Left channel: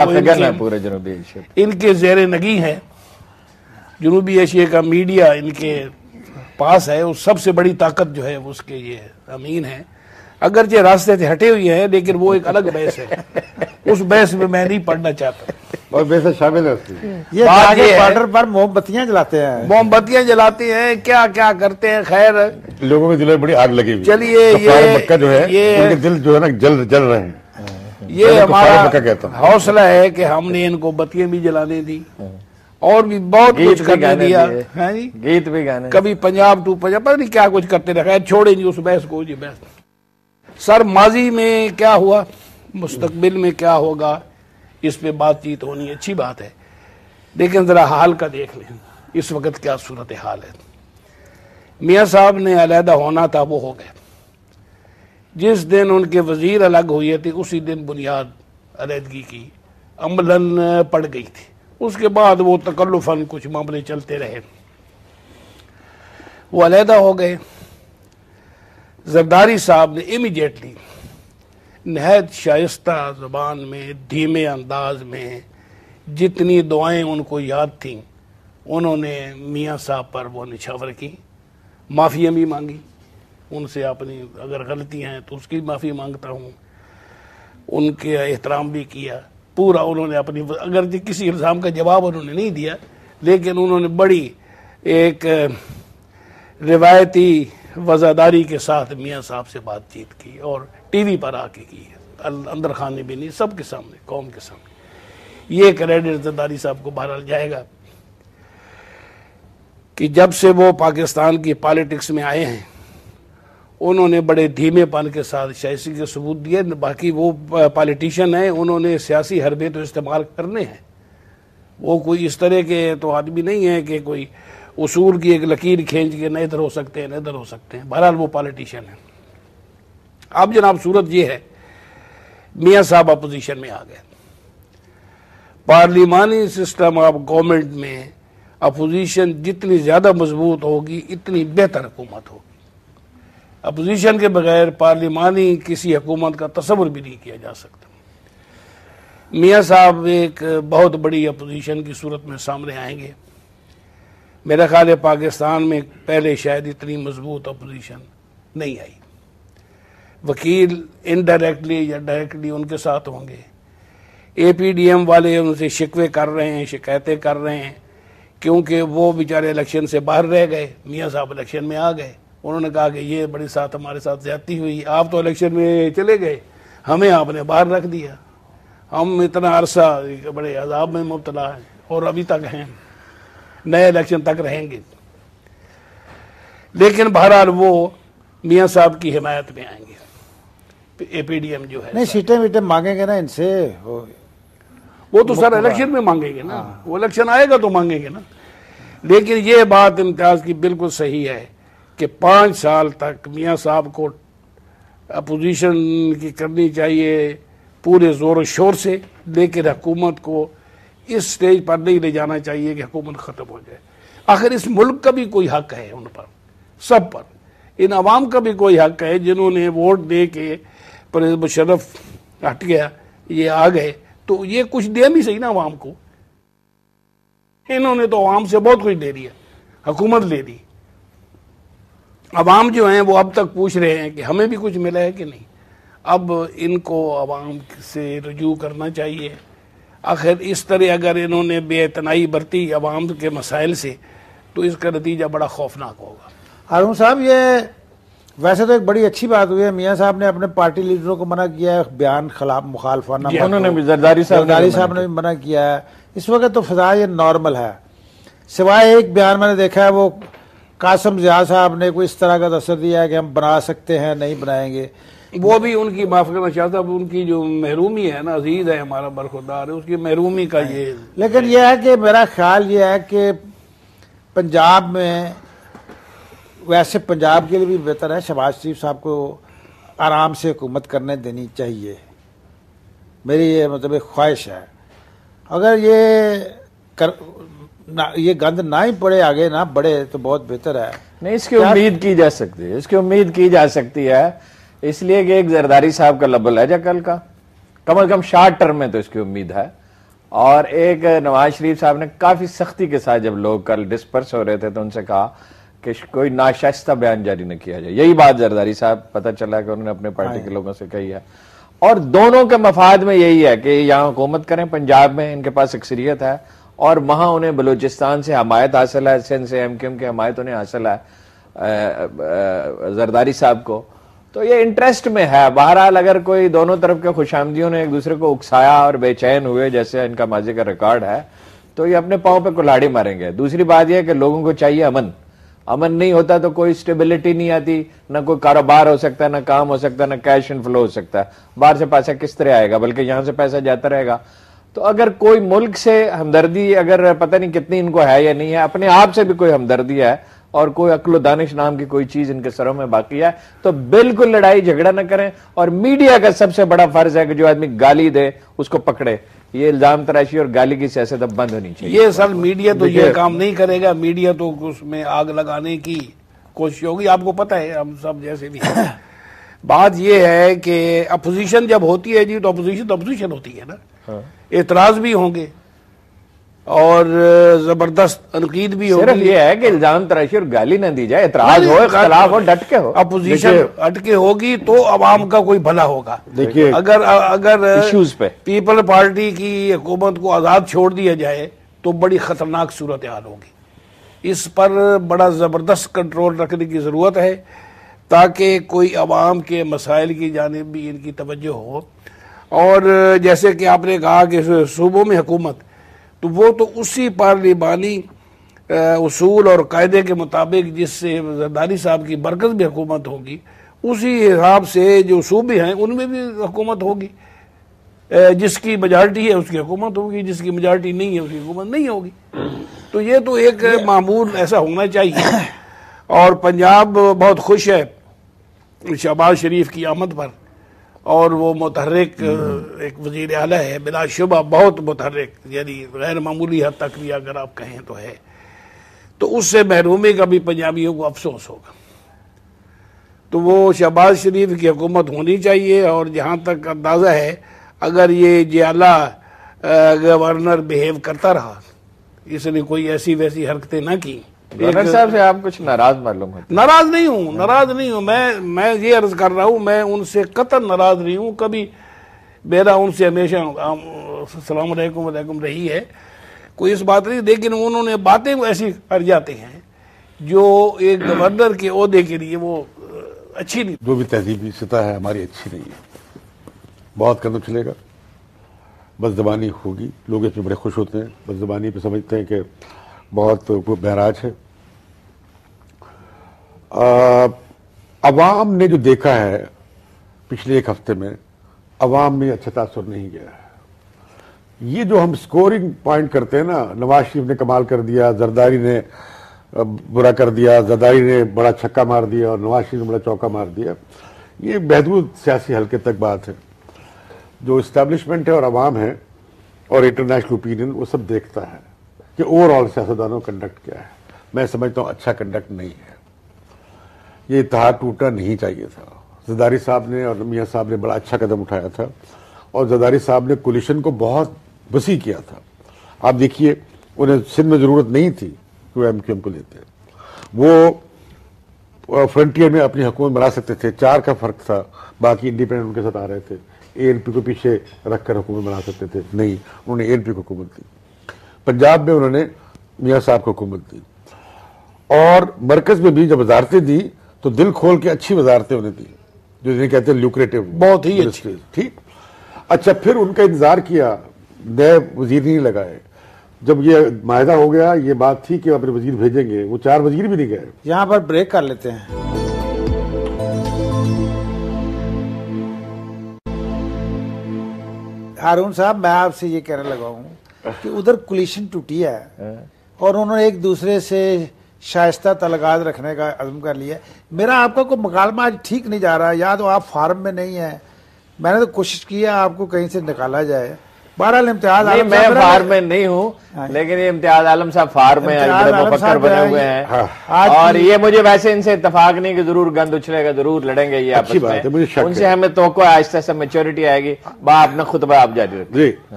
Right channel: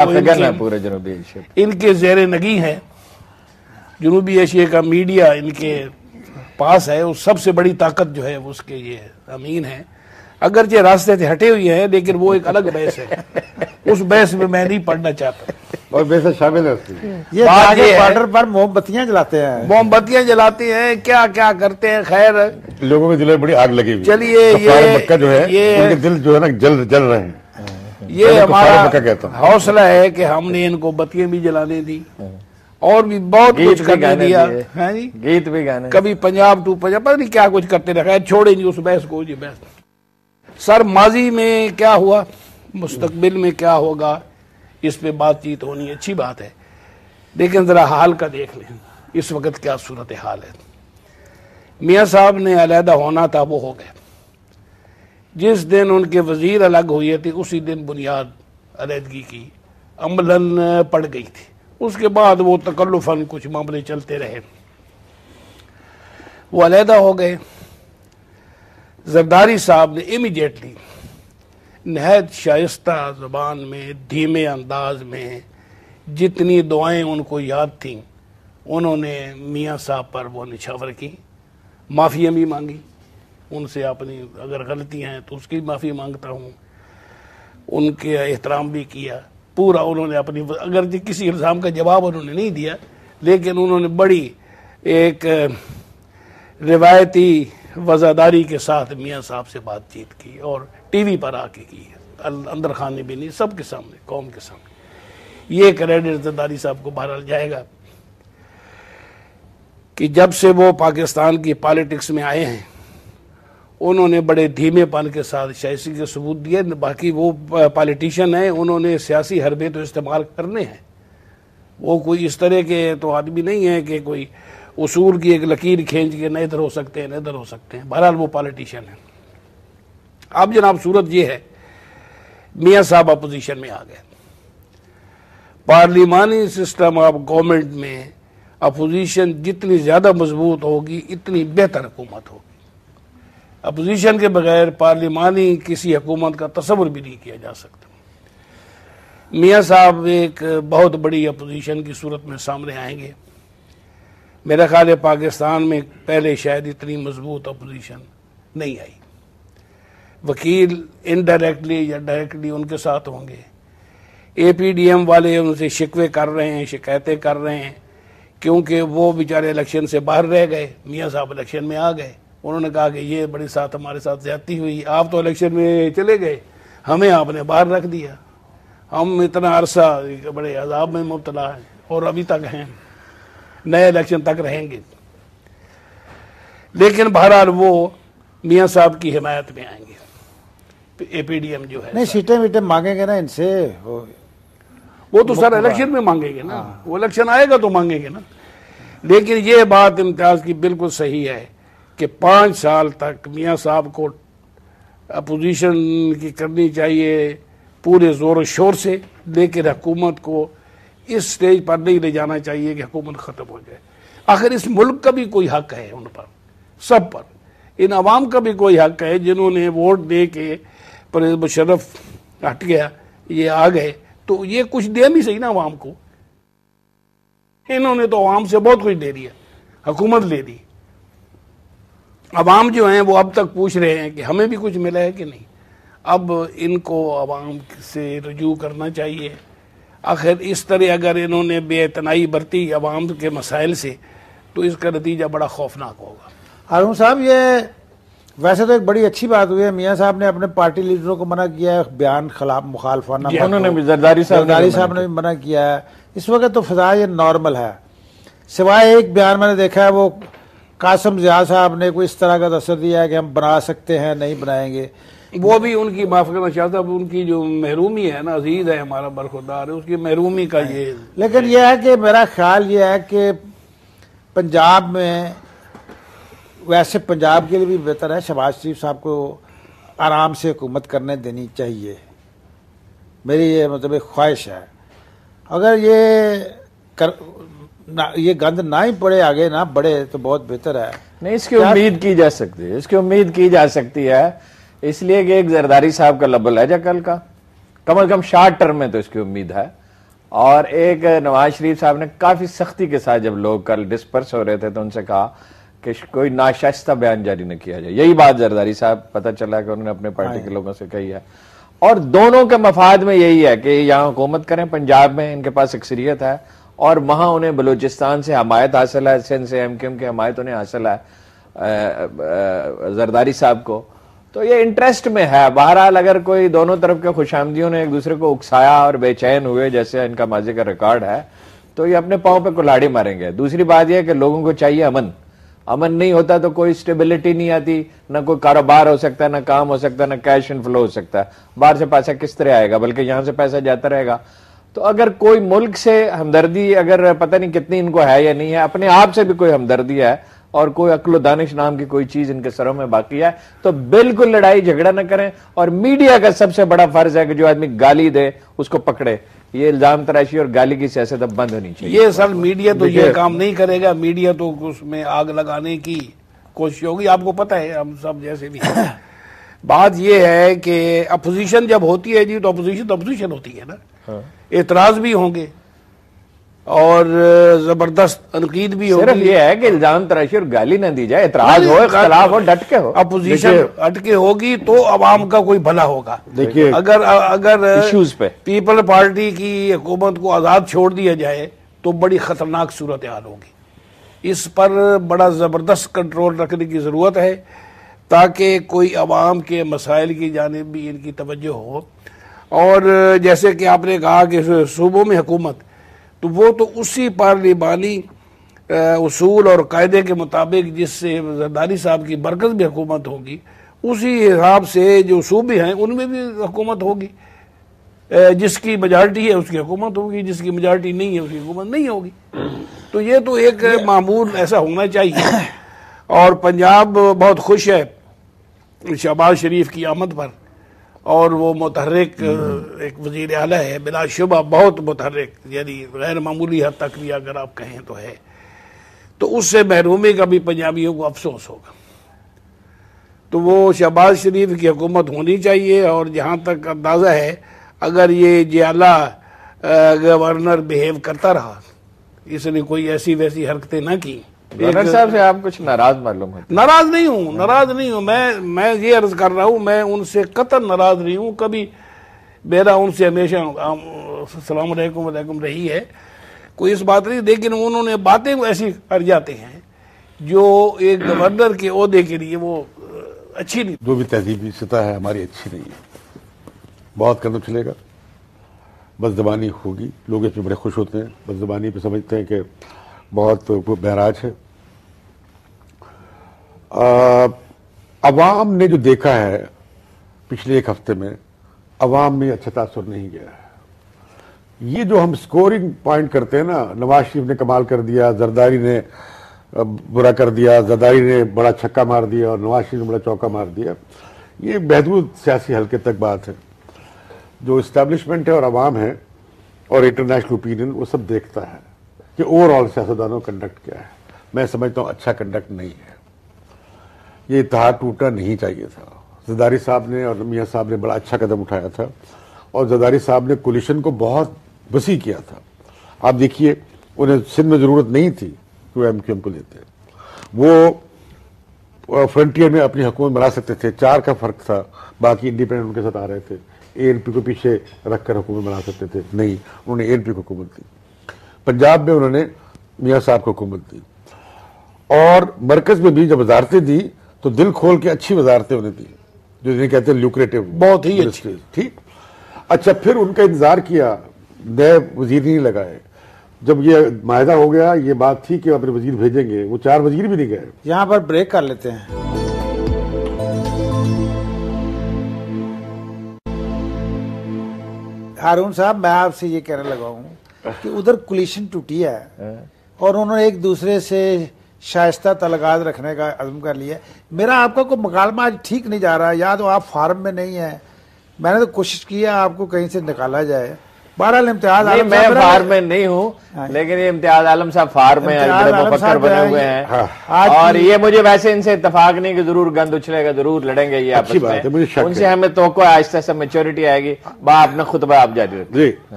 پورے جنوبی ایشیا ان کے زیر نگی ہیں. جنوبی ایشیا کا میڈیا ان کے پاس ہے. اس سب سے بڑی طاقت جو ہے اس کے یہ امین ہے. اگرچہ راستے سے ہٹے ہوئے ہیں لیکن وہ ایک الگ بحث ہے. اس بحث میں نہیں پڑھنا چاہتا. اور بحث شامل ہوتی ہے. یہ بارڈر پر موم بتیاں جلاتے ہیں. موم بتیاں جلاتے ہیں. کیا کیا کرتے ہیں. خیر لوگوں میں جلے بڑی آگ لگی ہوئی. چلیے یہ مکہ جو ہے ان کے دل جو ہے نا جل رہے ہیں. یہ ہمارا حوصلہ ہے کہ ہم نے ان کو بتیاں بھی جلانے دی اور بھی بہت کچھ کرنے دیا. گیت بھی گانے. کبھی پنجاب ٹو پنجاب پتہ نہیں کیا کچھ کرتے رہے. چھوڑے نہیں اس بحث کو. یہ بحث سر ماضی میں کیا ہوا مستقبل میں کیا ہوگا اس پہ بات چیت ہونی اچھی بات ہے. لیکن ذرا حال کا دیکھ لیں اس وقت کیا صورتحال ہے. میاں صاحب نے علیحدہ ہونا تھا وہ ہو گئے. جس دن ان کے وزیر الگ ہوئے تھے اسی دن بنیاد علیحدگی کی عملاً پڑ گئی تھی. اس کے بعد وہ تکلفاً کچھ معاملے چلتے رہے. وہ علیحدہ ہو گئے. زرداری صاحب نے امیڈیٹلی نہایت شائستہ زبان میں دھیمے انداز میں جتنی دعائیں ان کو یاد تھیں انہوں نے میاں صاحب پر وہ نچھاور کی. معافی بھی مانگی ان سے. اپنی اگر غلطی ہیں تو اس کی معافی مانگتا ہوں. ان کے احترام بھی کیا پورا. انہوں نے اپنی اگر کسی الزام کا جواب انہوں نے نہیں دیا لیکن انہوں نے بڑی ایک روایتی وزاداری کے ساتھ میاں صاحب سے بات چیت کی اور ٹی وی پر آ کے کی. اندر خانے بھی نہیں سب کے سامنے قوم کے سامنے. یہ کریڈٹ زرداری صاحب کو بہرحال جائے گا کہ جب سے وہ پاکستان کی پالیٹکس میں آئے ہیں انہوں نے بڑے دھیمے پن کے ساتھ شائستگی کے ثبوت دیے. باقی وہ پالیٹیشین ہیں انہوں نے سیاسی حربے تو استعمال کرنے ہیں. وہ کوئی اس طرح کے تو آدمی نہیں ہے کہ کوئی اصول کی ایک لکیر کھینچ کے نہ ادھر ہو سکتے ہیں نہ ادھر ہو سکتے ہیں. بہرحال وہ پالیٹیشین ہیں. اب جناب صورت یہ ہے میاں صاحب اپوزیشن میں آ گئے. پارلیمانی سسٹم آف گورنمنٹ میں اپوزیشن جتنی زیادہ مضبوط ہوگی اتنی بہتر حکومت ہوگی. اپوزیشن کے بغیر پارلیمانی کسی حکومت کا تصور بھی نہیں کیا جا سکتا. میاں صاحب ایک بہت بڑی اپوزیشن کی صورت میں سامنے آئیں گے. میرا خیال ہے پاکستان میں پہلے شاید اتنی مضبوط اپوزیشن نہیں آئی. وکیل انڈائریکٹلی یا ڈائریکٹلی ان کے ساتھ ہوں گے. اے پی ڈی ایم والے ان سے شکوے کر رہے ہیں شکایتیں کر رہے ہیں کیونکہ وہ بیچارے الیکشن سے باہر رہ گئے. میاں صاحب الیکشن میں آ گئے. انہوں نے کہا کہ یہ بڑے ساتھ ہمارے ساتھ زیادتی ہوئی. آپ تو الیکشن میں چلے گئے ہمیں آپ نے باہر رکھ دیا. ہم اتنا عرصہ بڑے عذاب میں مبتلا ہیں اور ابھی تک ہیں. نئے الیکشن تک رہیں گے. لیکن بہرحال وہ میاں صاحب کی حمایت میں آئیں گے. اے پی ڈی ایم جو ہے نہیں سیٹیں ویٹیں مانگیں گے نا ان سے. وہ تو سر الیکشن میں مانگیں گے نا. وہ الیکشن آئے گا تو مانگیں گے نا. لیکن یہ بات امتیاز کی بالکل صحیح ہے کہ 5 سال تک میاں صاحب کو اپوزیشن کی کرنی چاہیے پورے زور و شور سے. لیکن حکومت کو اس سٹیج پر نہیں لے جانا چاہیے کہ حکومت ختم ہو جائے. آخر اس ملک کا بھی کوئی حق ہے ان پر سب پر. ان عوام کا بھی کوئی حق ہے جنہوں نے ووٹ دے کے پرویز مشرف ہٹ گیا یہ آ گئے تو یہ کچھ دے بھی صحیح نا عوام کو. انہوں نے تو عوام سے بہت کچھ دے دیا. حکومت لے دی. عوام جو ہیں وہ اب تک پوچھ رہے ہیں کہ ہمیں بھی کچھ ملا ہے کہ نہیں. اب ان کو عوام سے رجوع کرنا چاہیے. آخر اس طرح اگر انہوں نے بے اعتنائی برتی عوام کے مسائل سے تو اس کا نتیجہ بڑا خوفناک ہوگا. ہارون صاحب یہ ویسے تو ایک بڑی اچھی بات ہوئی ہے. میاں صاحب نے اپنے پارٹی لیڈروں کو منع کیا ہے بیان خلاف مخالفانہ. انہوں نے زرداری صاحب نے بھی منع کیا ہے. اس وقت تو فضا یہ نارمل ہے سوائے ایک بیان میں نے دیکھا ہے وہ قاسم ضیاء صاحب نے کوئی اس طرح کا تصور دیا ہے کہ ہم بنا سکتے ہیں نہیں بنائیں گے. وہ بھی ان کی معاف کرنا چاہتا ہوں. ان کی جو محرومی ہے نا عزیز ہے ہمارا برخوردار ہے اس کی محرومی کا یہ. لیکن یہ ہے کہ میرا خیال یہ ہے کہ پنجاب میں ویسے پنجاب کے لیے بھی بہتر ہے شہباز شریف صاحب کو آرام سے حکومت کرنے دینی چاہیے. میری یہ مطلب خواہش ہے. اگر یہ گند نہ ہی پڑے آگے نہ بڑھے تو بہت بہتر ہے. نہیں اس کی امید کی جا سکتی ہے. اس کی امید کی جا سکتی ہے اس لیے کہ ایک زرداری صاحب کا لب لہجہ کل کا کم از کم شارٹ ٹرم میں تو اس کی امید ہے. اور ایک نواز شریف صاحب نے کافی سختی کے ساتھ جب لوگ کل ڈسپرس ہو رہے تھے تو ان سے کہا کہ کوئی ناشائستہ بیان جاری نہ کیا جائے. یہی بات زرداری صاحب پتہ چلا کہ انہوں نے اپنے پارٹی کے لوگوں سے کہی ہے, اور دونوں کے مفاد میں یہی ہے کہ یہاں حکومت کریں. پنجاب میں ان کے پاس اکثریت ہے اور وہاں انہیں بلوچستان سے حمایت حاصل ہے, سندھ سے ایم کیو ایم کی حمایت انہیں حاصل ہے زرداری صاحب کو, تو یہ انٹرسٹ میں ہے. بہرحال اگر کوئی دونوں طرف کے خوش آمدیوں نے ایک دوسرے کو اکسایا اور بے چین ہوئے جیسے ان کا ماضی کا ریکارڈ ہے تو یہ اپنے پاؤں پہ کلاڑی ماریں گے. دوسری بات یہ ہے کہ لوگوں کو چاہیے امن نہیں ہوتا تو کوئی اسٹیبلٹی نہیں آتی, نہ کوئی کاروبار ہو سکتا ہے, نہ کام ہو سکتا ہے, نہ کیش ان فلو ہو سکتا ہے. باہر سے پیسہ کس طرح آئے گا, بلکہ یہاں سے پیسہ جاتا رہے گا. تو اگر کوئی ملک سے ہمدردی اگر پتہ نہیں کتنی ان کو ہے یا نہیں ہے, اپنے آپ سے بھی کوئی ہمدردی ہے اور کوئی عقل و دانش نام کی کوئی چیز ان کے سروں میں باقی ہے تو بالکل لڑائی جھگڑا نہ کریں. اور میڈیا کا سب سے بڑا فرض ہے کہ جو آدمی گالی دے اس کو پکڑے. یہ الزام تراشی اور گالی کی سیاست اب بند ہونی چاہیے. یہ سر میڈیا تو یہ کام نہیں کرے گا, میڈیا تو اس میں آگ لگانے کی کوشش ہوگی. آپ کو پتہ ہے ہم سب جیسے بھی بات یہ ہے کہ اپوزیشن جب ہوتی ہے جی تو اپوزیشن ہوتی ہے نا, اعتراض بھی ہوں گے اور زبردست تنقید بھی ہوگی. صرف یہ ہے کہ الزام تراشی اور گالی نہ دی جائے, اعتراض ہو, اختلاف ہو, ڈٹ کے ہو. اپوزیشن ہٹ کے ہوگی تو عوام کا کوئی بھلا ہوگا. دیکھیے اگر ایشوز پہ پیپل پارٹی کی حکومت کو آزاد چھوڑ دیا جائے تو بڑی خطرناک صورتحال ہوگی. اس پر بڑا زبردست کنٹرول رکھنے کی ضرورت ہے تاکہ کوئی عوام کے مسائل کی جانب بھی ان کی توجہ ہو. اور جیسے کہ آپ نے کہا کہ صوبوں میں حکومت, تو وہ تو اسی پارلیمانی اصول اور قاعدے کے مطابق جس سے زرداری صاحب کی برکت میں حکومت ہوگی اسی حساب سے جو صوبے ہیں ان میں بھی حکومت ہوگی. جس کی میجارٹی ہے اس کی حکومت ہوگی, جس کی میجارٹی نہیں ہے اس کی حکومت نہیں ہوگی. تو یہ تو ایک معمول ایسا ہونا چاہیے. اور پنجاب بہت خوش ہے شہباز شریف کی آمد پر, اور وہ متحرک ایک وزیر اعلیٰ ہے بلا شبہ, بہت متحرک, یعنی غیر معمولی حد تک بھی اگر آپ کہیں تو ہے. تو اس سے محرومی کا بھی پنجابیوں کو افسوس ہوگا. تو وہ شہباز شریف کی حکومت ہونی چاہیے. اور جہاں تک اندازہ ہے اگر یہ جیالہ گورنر بہیو کرتا رہا, اس نے کوئی ایسی ویسی حرکتیں نہ کی. گورنر صاحب سے آپ کچھ ناراض معلوم ہوتے؟ ناراض نہیں ہوں. میں یہ عرض کر رہا ہوں, میں ان سے قطعاً ناراض نہیں ہوں. کبھی میرا ان سے ہمیشہ السلام علیکم وعلیکم رہی ہے, کوئی اس بات نہیں. لیکن انہوں نے باتیں ایسی کر جاتے ہیں جو ایک گورنر کے عہدے کے لیے وہ اچھی نہیں. جو بھی تہذیبی سطح ہے ہماری اچھی نہیں ہے, بہت قدم چلے گا. بس زبانی ہوگی, لوگ اس میں بڑے خوش ہوتے ہیں, بس زبانی پہ سمجھتے ہیں کہ بہت بہراج ہے. عوام نے جو دیکھا ہے پچھلے ایک ہفتے میں, عوام میں اچھا تاثر نہیں گیا ہے. یہ جو ہم سکورنگ پوائنٹ کرتے ہیں نا, نواز شریف نے کمال کر دیا, زرداری نے برا کر دیا, زرداری نے بڑا چھکا مار دیا اور نواز شریف نے بڑا چوکا مار دیا, یہ محدود سیاسی حلقے تک بات ہے. جو اسٹیبلشمنٹ ہے اور عوام ہے اور انٹرنیشنل اوپینین وہ سب دیکھتا ہے کہ اوور آل سیاستدانوں کا کنڈکٹ کیا ہے. میں سمجھتا ہوں اچھا کنڈکٹ نہیں ہے. یہ اتحاد ٹوٹنا نہیں چاہیے تھا. زرداری صاحب نے اور میاں صاحب نے بڑا اچھا قدم اٹھایا تھا, اور زرداری صاحب نے کولیشن کو بہت وسیع کیا تھا. آپ دیکھیے انہیں سندھ میں ضرورت نہیں تھی وہ ایم کیو ایم کو لیتے, وہ فرنٹیئر میں اپنی حکومت بنا سکتے تھے. 4 کا فرق تھا, باقی انڈیپینڈنٹ ان کے ساتھ آ رہے تھے. اے این پی کو پیچھے رکھ کر حکومت بنا سکتے تھے, نہیں, انہوں نے اے این پی کو حکومت دی. پنجاب میں انہوں نے میاں صاحب کو حکومت دی, اور مرکز میں بھی جب وزارتیں دی تو دل کھول کے اچھی وزارتیں انہیں دی, جو جنہیں کہتے ہیں لوکریٹو, بہت ہی اچھی. ٹھیک. اچھا, پھر ان کا انتظار کیا, نئے وزیر نہیں لگائے. جب یہ معاہدہ ہو گیا, یہ بات تھی کہ اپنے وزیر بھیجیں گے, وہ 4 وزیر بھی نہیں گئے. یہاں پر بریک کر لیتے ہیں. ہارون صاحب, میں آپ سے یہ کہنے لگا ہوں کہ ادھر کولیشن ٹوٹی ہے اور انہوں نے ایک دوسرے سے شائستہ تعلقات رکھنے کا عزم کر لیا. میرا آپ کا کوئی مکالمہ آج ٹھیک نہیں جا رہا, یا تو آپ فارم میں نہیں ہیں. میں نے تو کوشش کی ہے آپ کو کہیں سے نکالا جائے. بہرحال امتیاز عالم میں فارم میں نہیں ہوں, لیکن یہ امتیاز عالم صاحب فارم میں بڑے مفکر بنے ہوئے ہیں, اور یہ مجھے ویسے ان سے اتفاق نہیں کہ ضرور گند اچھلے گا, ضرور لڑیں گے. یہ آپس میں ان سے ہمیں توقع آہستہ آہستہ میچورٹی آئے گی. با آپ نے خطبہ آپ جاری رکھیں.